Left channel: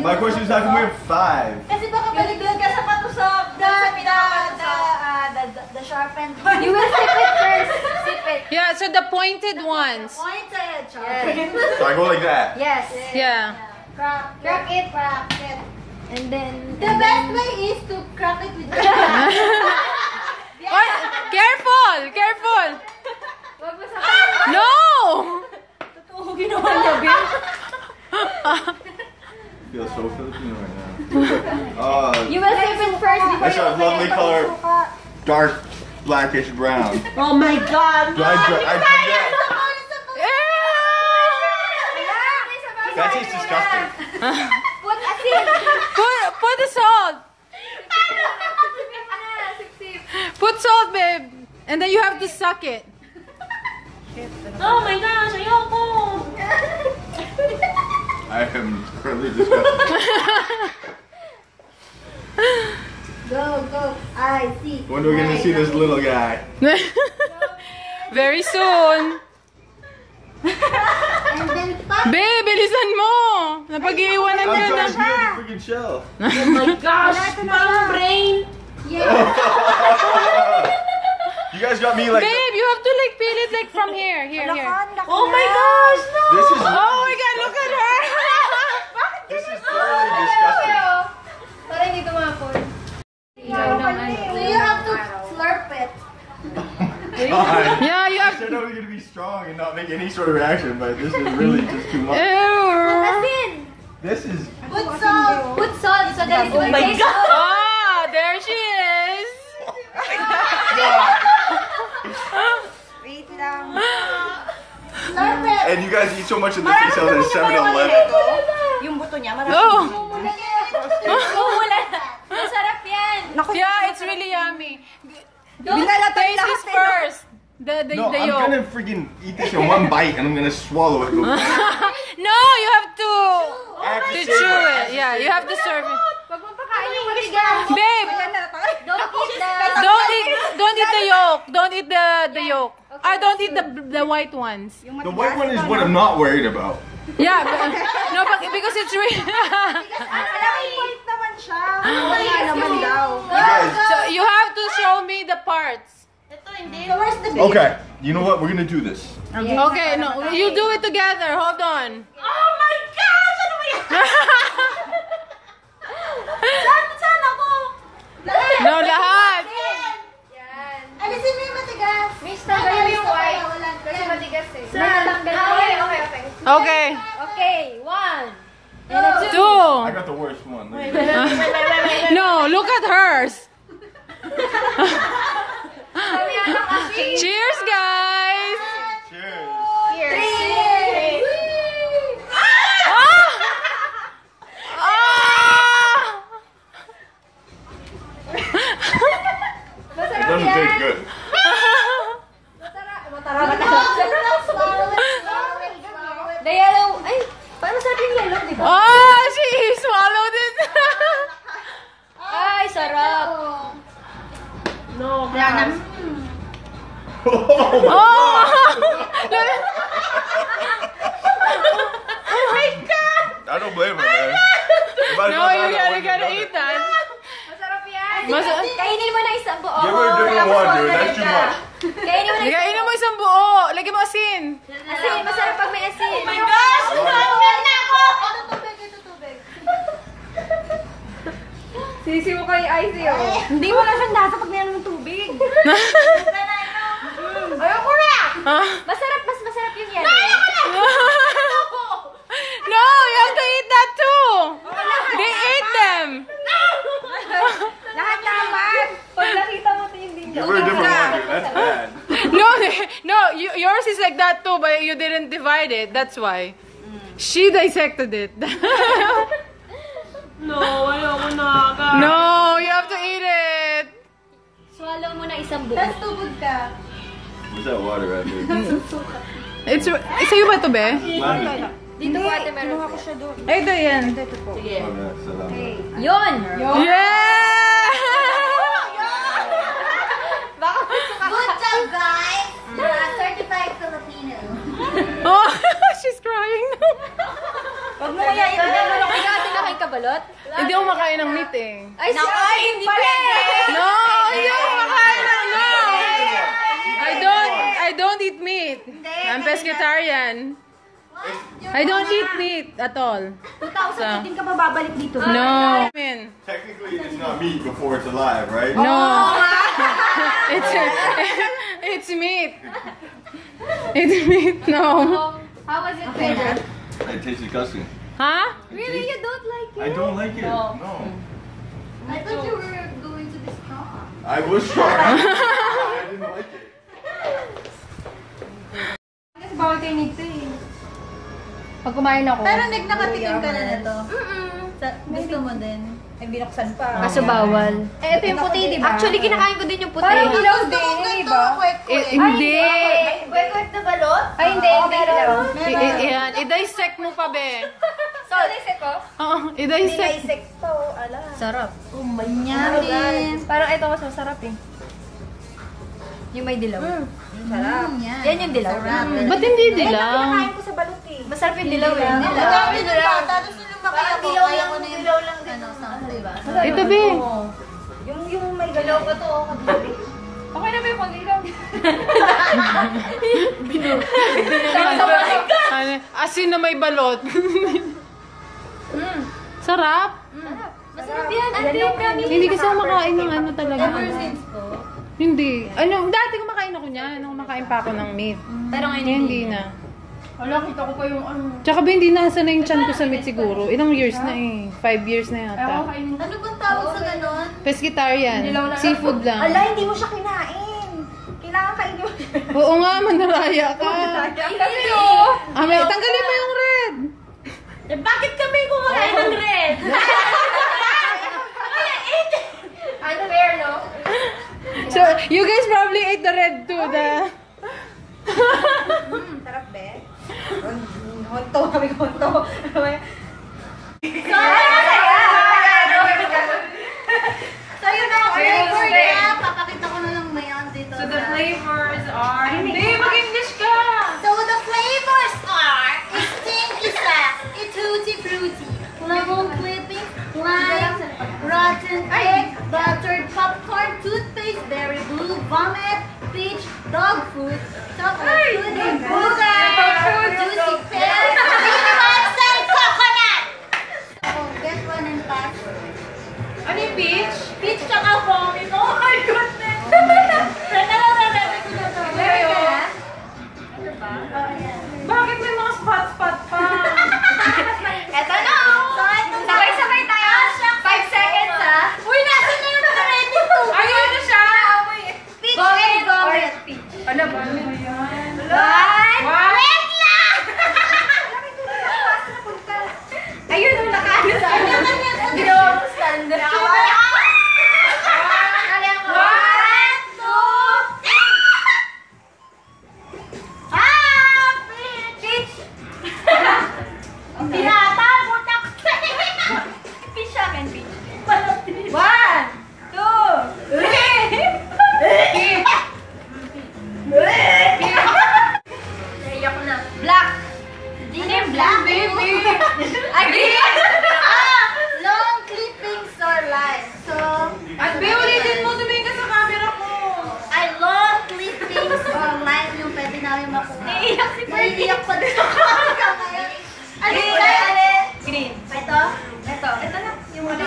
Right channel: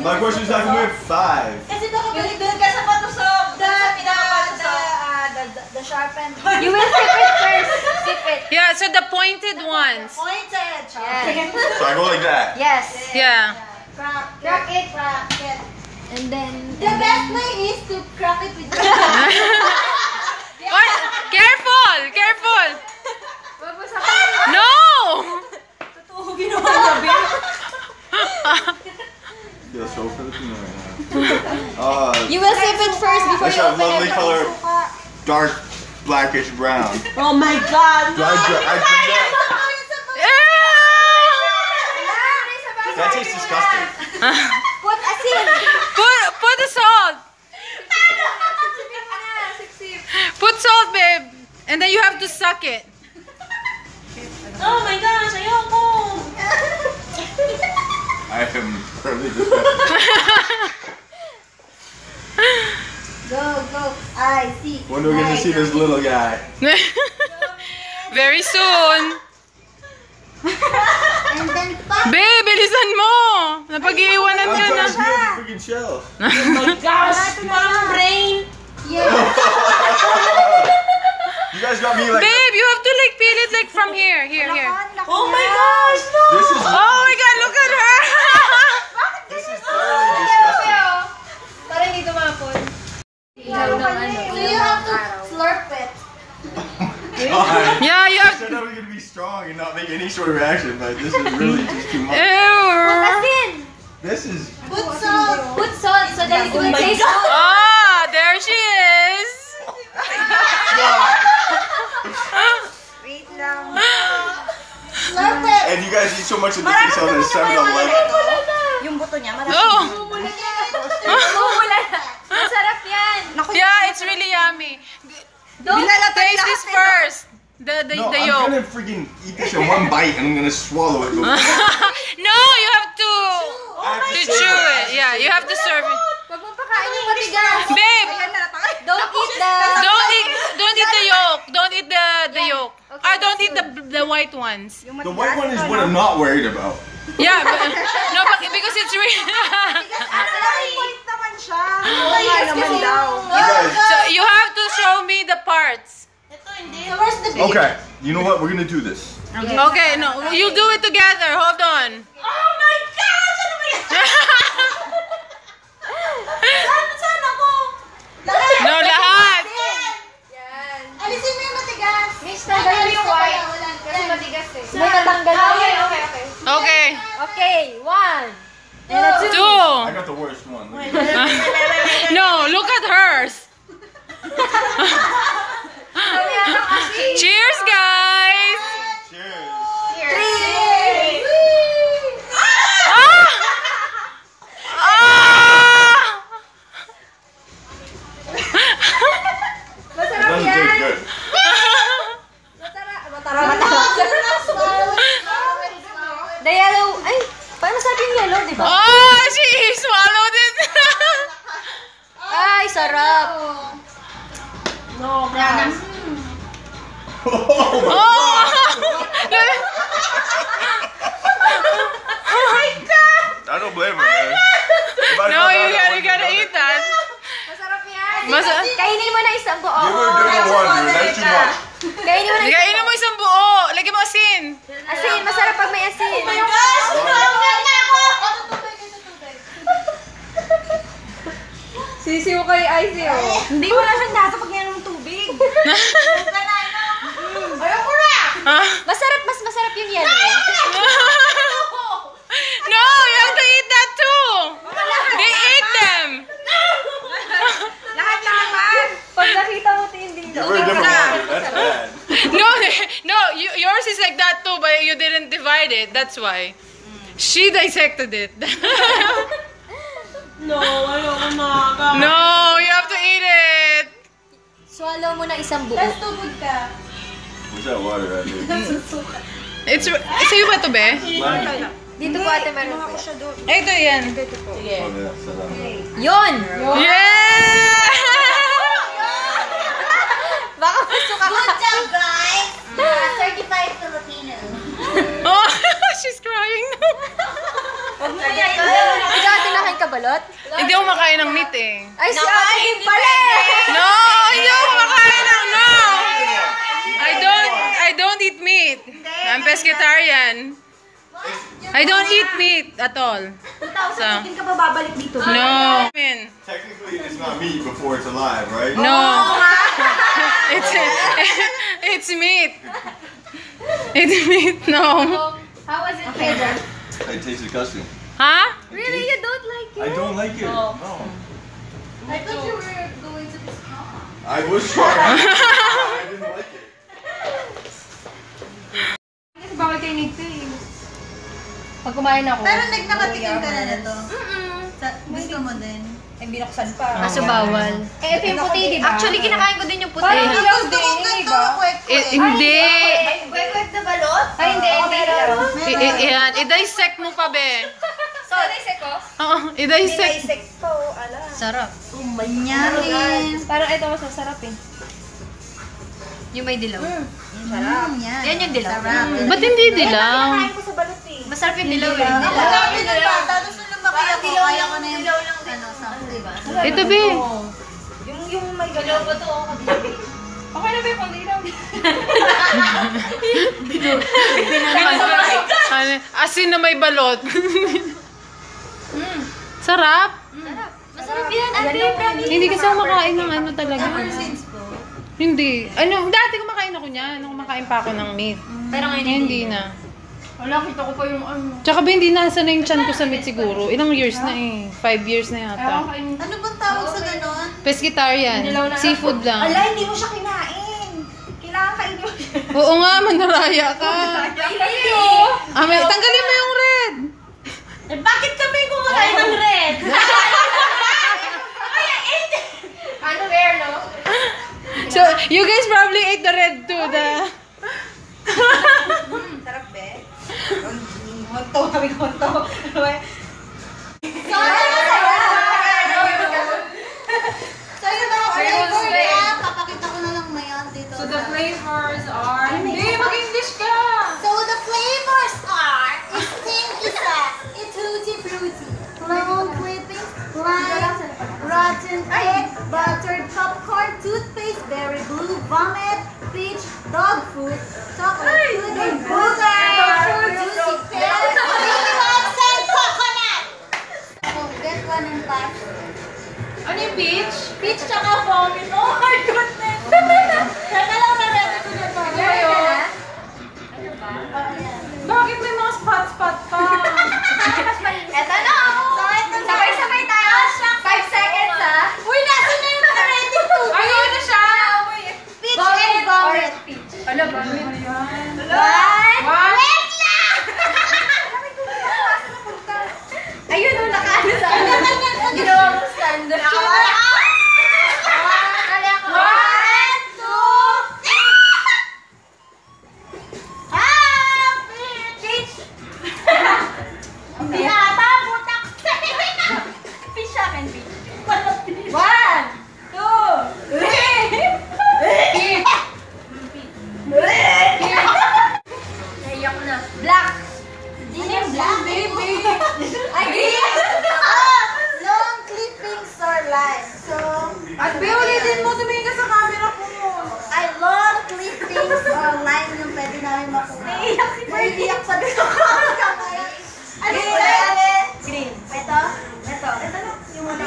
My question is how come we have 5? Kasi baka balik doon ka sa patusok. The sharpened one. You will sip it first. Sip it. Yeah, so the pointed ones. Pointed. So I go like that? Yes. Yeah. Crack it. And then the best way is to crack it with your Oh, careful! No! Totoo ginawa niya, babe. Feel so Filipino right now. You will sip it first before That's you a open lovely it. color, dark blackish brown. Oh my God! Do I drink that? Ew! That tastes disgusting. Put asin. Put the salt. Put salt, babe. And then you have to suck it. Oh my gosh, ayoko. I am really disgusted. Go. I see. When are we gonna see this little guy? Very soon. And then Babe, bilisan mo. Napag-iiwanan I'm niya trying na. to peel the freaking shell. Oh my gosh, parang brain. Yeah. You guys got me like. Babe, you have to like peel it like from here. Here. Oh my gosh, no. This is. Oh my God, look at her. This is thoroughly disgusting. Para hindi tumapon. So you have to slurp it. God. Yeah, you I have. said I was gonna be strong and not make any sort of reaction, but this is really just too much. Ew. This is. Put salt so that it will taste. Ah, there she is. Wait lang. Slurp it. And you guys eat so much of this yourselves at 7-Eleven. Yung buto niya, marami. Oh. Masarap yan. Yeah, it's really yummy. Taste this first. The No, I'm yolk. gonna freaking eat this in one bite and I'm gonna swallow it. No, you have to I have to chew savor it. Yeah, you have to serve it. Huwag mong pakain yung matigas. Babe, Don't eat don't eat the yolk. Don't eat the yolk. Don't eat the white ones. The white one is what I'm not worried about. Yeah, no, because it's really. Point naman siya. You guys. So you have to show me the parts. Ito hindi. So where's the beef? Okay, you know what? We're gonna do this. Okay, no, you do it together. Hold on. Oh my gosh! Ano ba yan? Saan ako? No, lahat. Yan. Alisin mo yung matigas. Miss, tanggalin yung white. Kasi matigas eh. May natanggal na. Okay. Okay, 1. Two. I got the worst one. Look at No, look at hers. Cheers, guys. Cheers. Ah! It doesn't taste good. The yellow, ay, paano sabi yung yellow, di ba? Oh, she swallowed it. Ay, sarap. No, guys. Oh my Oh. I don't blame her, man. No, you gotta eat that. Masarap yan. Kainin mo na isang buo. Give her one, dude. That's too much. Kainin mo na Kainin mo isang buo. Lagyan mo asin. Asin, masarap pag may asin. Oh my gosh! Tumawag na ako! Ito tubig. Sisiw kay Icy, oh. Hindi mo na siyang nakakapagyan ng tubig. Ayoko na! Mas masarap yung yellow. No, you have to eat that too. They ate them. Lahat na naman. Pag nakita mo, hindi. Give her a different one, dude. That's bad. No, yours is like that too, but you didn't divide it. That's why. She dissected it. No, ayoko na. No, you have to eat it. Swallow mo na isang buo. Tapos tubig ka. What's that water right there? It's sa'yo ba ito, be? Dito po ate meron po. Ito yan. Sige. Oh, that's salamat. Yun! Yeah! Baka gusto ka. Good job, guys! Certified Filipino. Oh, she's crying now. Huwag mo yan. Dati na kayo kabalot? Hindi ako makain ng meat eh. Ay, sa akin pala! No! Hindi ako makain ng no! I don't eat meat. I'm pescatarian. I don't eat meat at all. 2018 ka ba babalik dito? No. Technically, it's not meat before it's alive, right? No. It's meat. It's meat. No. How was it, Pedro? It tastes disgusting. Huh? Really? You don't like it? I don't like it. No. I thought you were going to be strong. I was trying. I didn't like it. Kasi bawal kayo nito eh. Pag kumain ako. Pero nagnakatikim ka na nito. Gusto mo din. Ay, binuksan pa. Kaso bawal. Eh, ito yung puti, di ba? Actually, kinakain ko din yung puti. Parang dilaw din, iba? Hindi. Kwek-kwek na balot? Ay, hindi. Meron. Yan. I-dissect mo pa, be. So, naisip ko? Oo, i-dissect. Naisip ko, ala. Sarap. Manyamin. Parang ito mas masarap eh. Yung may dilaw. Sarap. Yan yung dilaw. Sarap. Ba't hindi dilaw? Kain ko sa balot eh. Masarap yung dilaw eh. Masarap yung dilaw. Tapos nung lumaki ako, kaya ko na yung dilaw lang din. Diba? Ito, be. Yung may galaw ba to? Okay na ba yung konti lang? Asin na may balot. Sarap. Masarap yan. Ang Hindi kasi ako makain ng ano talaga. Ever since po. Hindi. Ano, dati kumakain ako niyan. Nung kumakain pa ako ng meat. Pero ngayon Ngayon hindi na. Wala, kita ko pa yung ano. Tsaka ba hindi nasa na yung chan ko sa meat siguro. Ilang years na eh. 5 years na Ewan yata. kainin. Ano bang tawag sa ganon? Pescatarian. Seafood lang. Ala, hindi mo siya kinain. Kailangan kainin mo siya. Oo nga, manaraya ka. Tanggalin mo yung red. Bakit kami kumakain ng red? Ano rare, no? So, you guys probably ate the red too. Sarap, be. Honto, kami honto. So yun na ang flavor niya. Papakita ko na lang mayan dito. So the flavors are... Hindi, mag-English ka! So the flavors are Sting Isa, Tutti Frutti, lemon clipping, lime, rotten egg, buttered popcorn, toothpaste, berry blue, vomit, peach, dog food, chocolate pudding, booger, juicy pear, 51% coconut! Oh, get one and pass. Ano yung beach? Peach tsaka vomit. Oh my goodness! Teka lang, re-ready ko na to. Ready ka na? Ano ba? Bakit may mga spot-spot pa? Eto na, sabay-sabay tayo. 5 seconds, ha? Uy, nasa na yung ready to? Ayun na siya! Peach and vomit. Alam ba? Ano yan? One. Wait lang! Ayun, nakaano sa ano. Ginawa mong stand. One, two, three! Peach! Pirata, butak! Fish sa akin, fish. 1, 2, 3! Naiyak ko na. Black. Ano yung black? Ay, green. Long clippings or line. So, At ulitin mo, tumingin ka sa camera ko. ay long clippings or line yung pwede namin makuha. Naiiyak si Party. Naiiyak pa din ako. Ano Green. yung alin? Green. Ito? Ito na. Yung wala.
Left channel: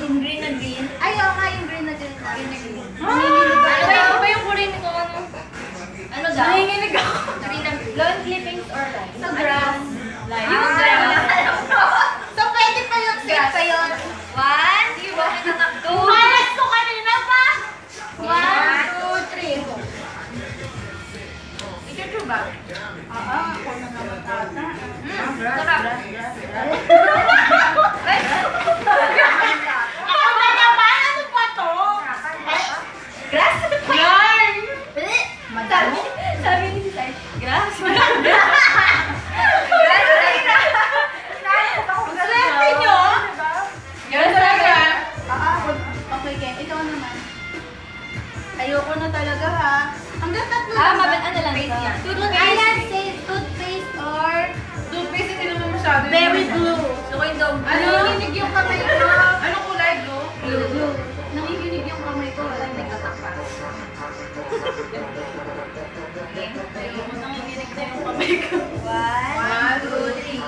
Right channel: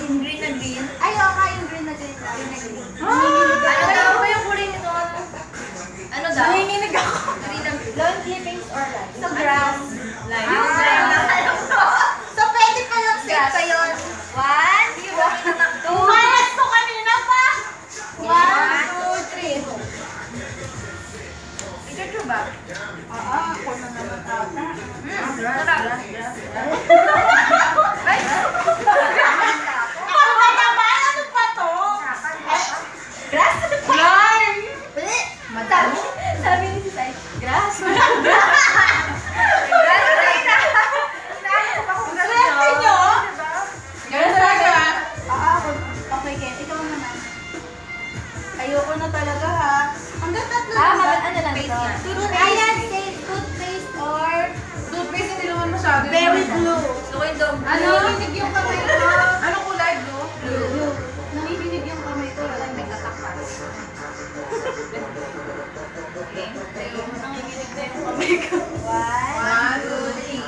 Yung green na green. Ay, okay, yung green na green. Green na green. Ano ba yung kulay nito? Ano daw? Nanginginig ako. Green na green. Long clippings or line? Sa grass. Yung grass. So, pwede pa yung safe pa yun. 1, 2, Malas ko kanina pa. 1, 2, 3. Picture ba? Ako na naman ata. Sarap. Ako na naman? Ano pa to? yung kamay ko. Anong kulay, blue? Blue. Nanginginig yung kamay ko. Walang may tatak pa. Nanginginig na yung kamay ko. 1, 2, 3.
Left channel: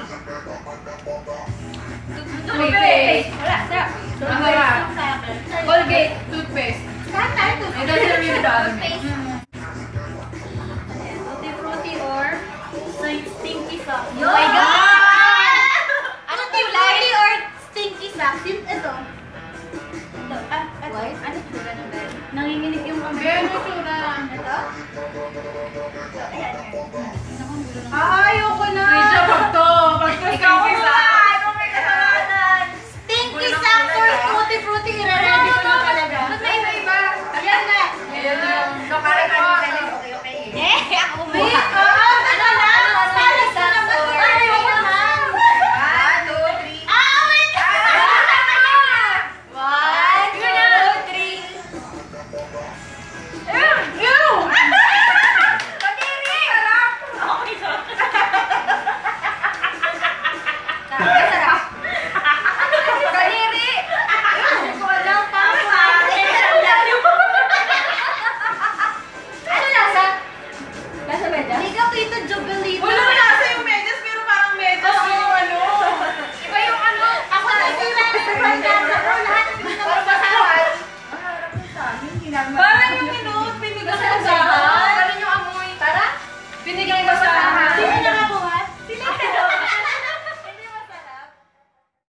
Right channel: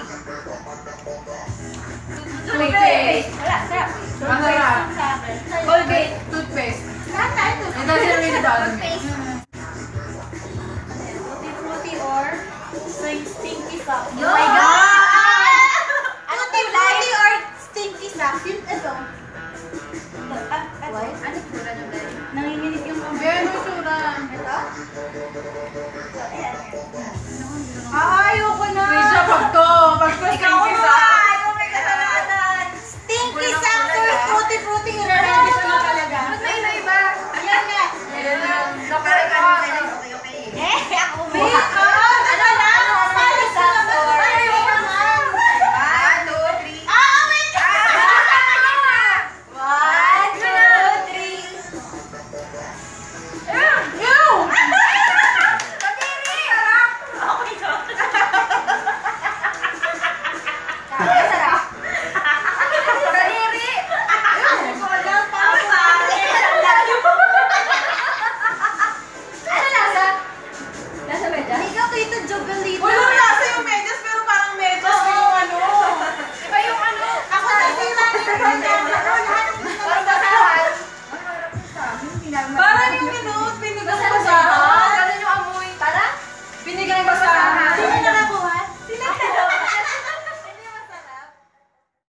Toothpaste. Wala, sarap. Ang sarap. Colgate. Toothpaste. Lahat tayo Ito toothpaste. sa really bad. Toothpaste. Tutti Frutti or Stinky Socks. Oh my God! Ano Frutti or Stinky Socks? Yung ito. White? Ano tsura na ba? Nanginginig yung kamay. Yan yung tsura. Ito? Ito, ayan. Ayoko na. Pag to, Ikaw,